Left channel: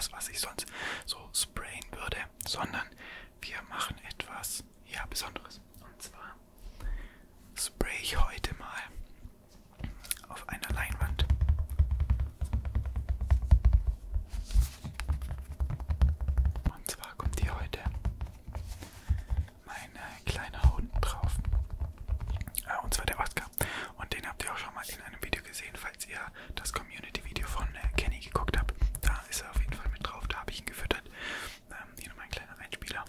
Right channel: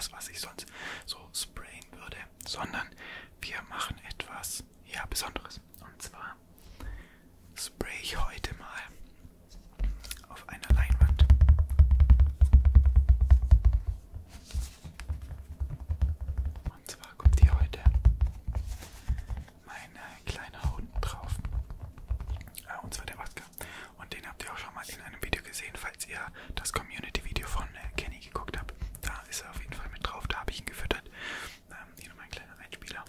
etwas, was ich sonst so sprayen würde, sondern wir machen etwas, ja, Besonderes. Und zwar spray ich heute mal auf einer Leinwand. Und zwar kommt hier heute mein kleiner Hund drauf. Und zwar der Oscar. Und den habt ihr auch schon mal in einem Video gesehen, falls ihr das Community-Video von Kenny geguckt habt. Da ist er auf jeden Fall mit drauf, da habe ich ihn gefüttert. Hier nochmal ein kleiner Einspieler.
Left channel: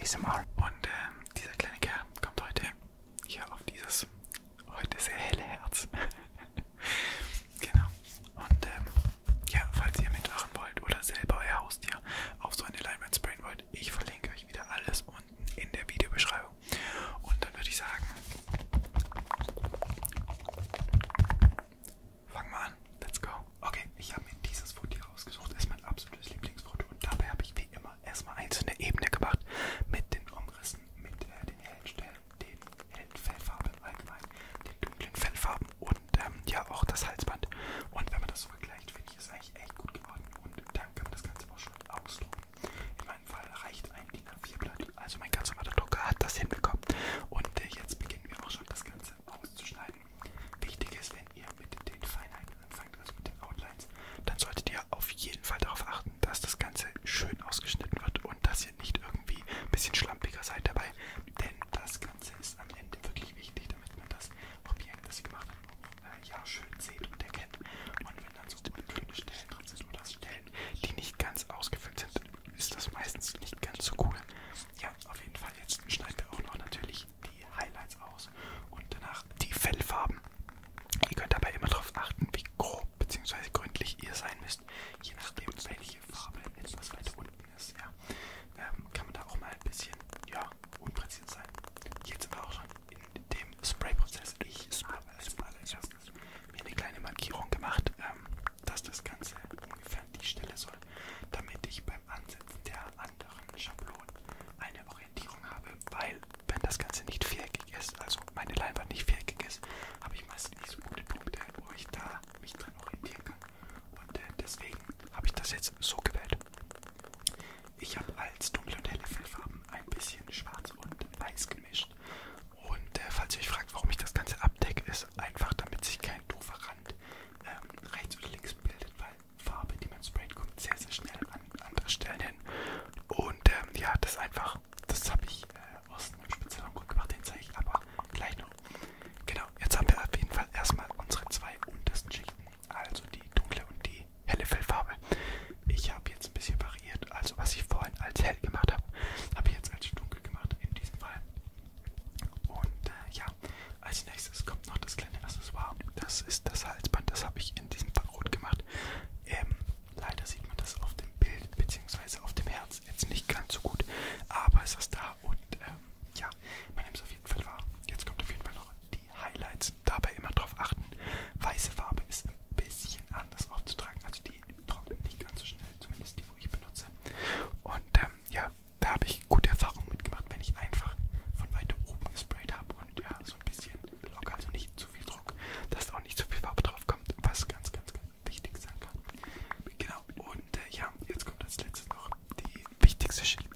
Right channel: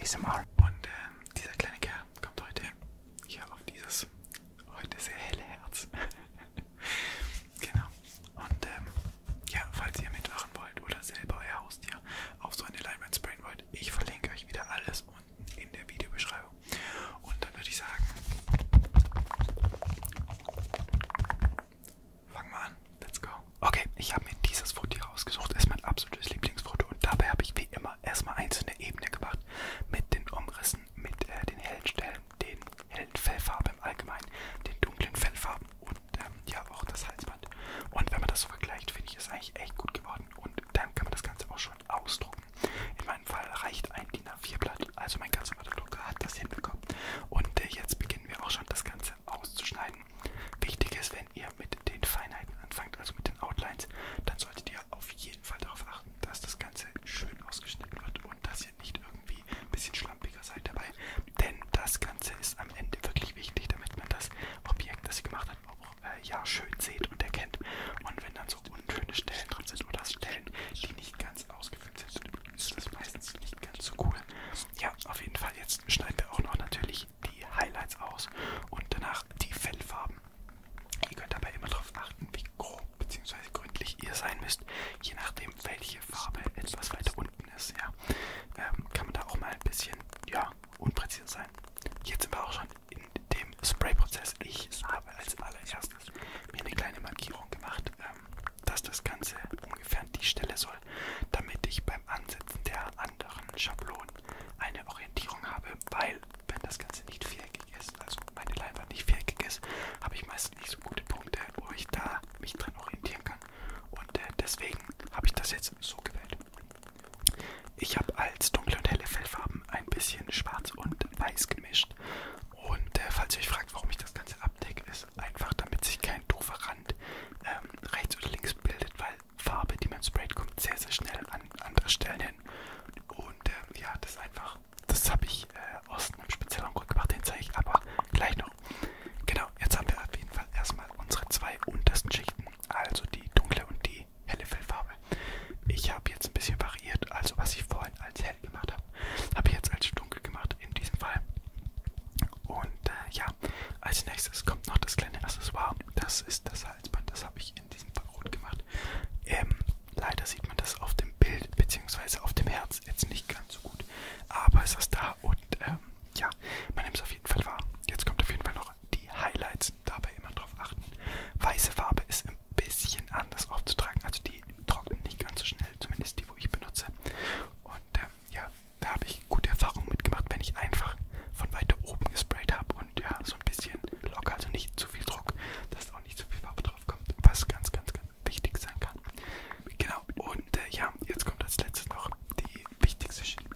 ASMR. Und dieser kleine Kerl kommt heute hier auf dieses heute sehr helle Herz. Genau. Und ja, falls ihr mitmachen wollt oder selber euer Haustier auf so eine Leinwand sprayen wollt, ich verlinke euch wieder alles unten in der Videobeschreibung. Und dann würde ich sagen, fangen wir an. Let's go. Okay, ich habe mir dieses Foto hier rausgesucht. Das ist mein absolutes Lieblingsfoto. Und dabei habe ich wie immer erstmal einzelne Ebenen gemacht mit den Umrissen, mit den hellen Stellen, den hellen Fellfarben im Allgemeinen, den dunklen Fellfarben und ja auch das Halsband. Und wenn man das so vergleicht, finde ich es eigentlich echt gut geworden. Und dann kann man das Ganze auch schon ausdrucken. In meinem Fall reicht ein DIN A4-Blatt. Also mein ganz normaler Drucker hat das hinbekommen. Und jetzt beginnen wir auch schon das Ganze auszuschneiden. Wichtig ist, wenn ihr mit den Feinheiten anfangt, also mit den Outlines, dann solltet ihr auf jeden Fall darauf achten, dass das Ganze schön ausgeschnitten wird und dass ihr nicht irgendwie ein bisschen schlampiger seid dabei. Denn das Ganze ist am Ende wirklich wichtig, damit man das Objekt, das ihr gemacht habt, auch ja, schön seht und erkennt. Und wenn dann so unschöne Stellen drin sind oder Stellen, die nicht ganz ausgefüllt sind, ist das meistens nicht ganz so cool. Ja, auf jeden Fall, jetzt schneiden wir auch noch natürlich die Highlights aus und danach die Fellfarben. Ihr könnt dabei immer darauf achten, wie grob bzw. gründlich ihr sein müsst, je nachdem welche Farbe etwas weiter unten ist. Ja, kann man da auch mal ein bisschen ja, unpräzise sein. Jetzt sind wir auch schon in dem Spray-Prozess. Ich habe als allererstes mir eine kleine Markierung gemacht, dass das Ganze ungefähr an die Stelle soll, damit ich beim Ansetzen der anderen Schablonen eine Orientierung habe, weil wenn das Ganze nicht viereckig ist, also meine Leinwand nicht viereckig ist, habe ich meistens nicht so gute Punkte, wo ich da mich drin orientieren kann. Und deswegen habe ich das jetzt so gewählt. Ich habe als dunkle und helle Fellfarben ein bisschen schwarz und weiß gemischt. Und falls ihr euch fragt, warum ich das Ganze abdecke, ist einfach, damit sich kein doofer Rand rechts oder links bildet, weil Farbe, die man sprayt, kommt sehr, sehr schnell an andere Stellen hin. Und ja, das einfach, das habe ich aus einem speziellen Grund gemacht, den zeige ich aber gleich noch. Genau, jetzt haben wir auf jeden Fall erstmal unsere zwei untersten Schichten, also die dunkle und die helle Fellfarbe. Ich habe jetzt ein bisschen variiert, also was ich vorhin als hell gemacht habe, habe ich jetzt als dunkel gemacht in diesem Fall. Und ja, als nächstes kommt noch das kleine Accessoire. Das ist das Halsband, das habe ich in diesem Fall rot gemacht. Leider sieht man das auf dem Bild bzw. auf dem Herz jetzt nicht ganz so gut, aber es ist da und ja, man nimmt es auf jeden Fall wahr. Jetzt kommt auf jeden Fall noch die Highlights, dabei immer darauf achten. Weiße Farbe ist ein bisschen anders aufzutragen, also die trocknet nicht ganz so schnell, zumindest die, wo ich benutze. Und ja, da habe ich gute Erfahrungen mitgemacht, wenn ich einfach von weiter oben gesprayt habe und ja, so ein bisschen locker, also nicht zu viel Druck, dass auch nicht zu viel Farbe drauf kommt, was ganz, ganz, ganz wichtig sein kann. Genau, und ja, jetzt kommt als letztes noch die wichtigste Schicht.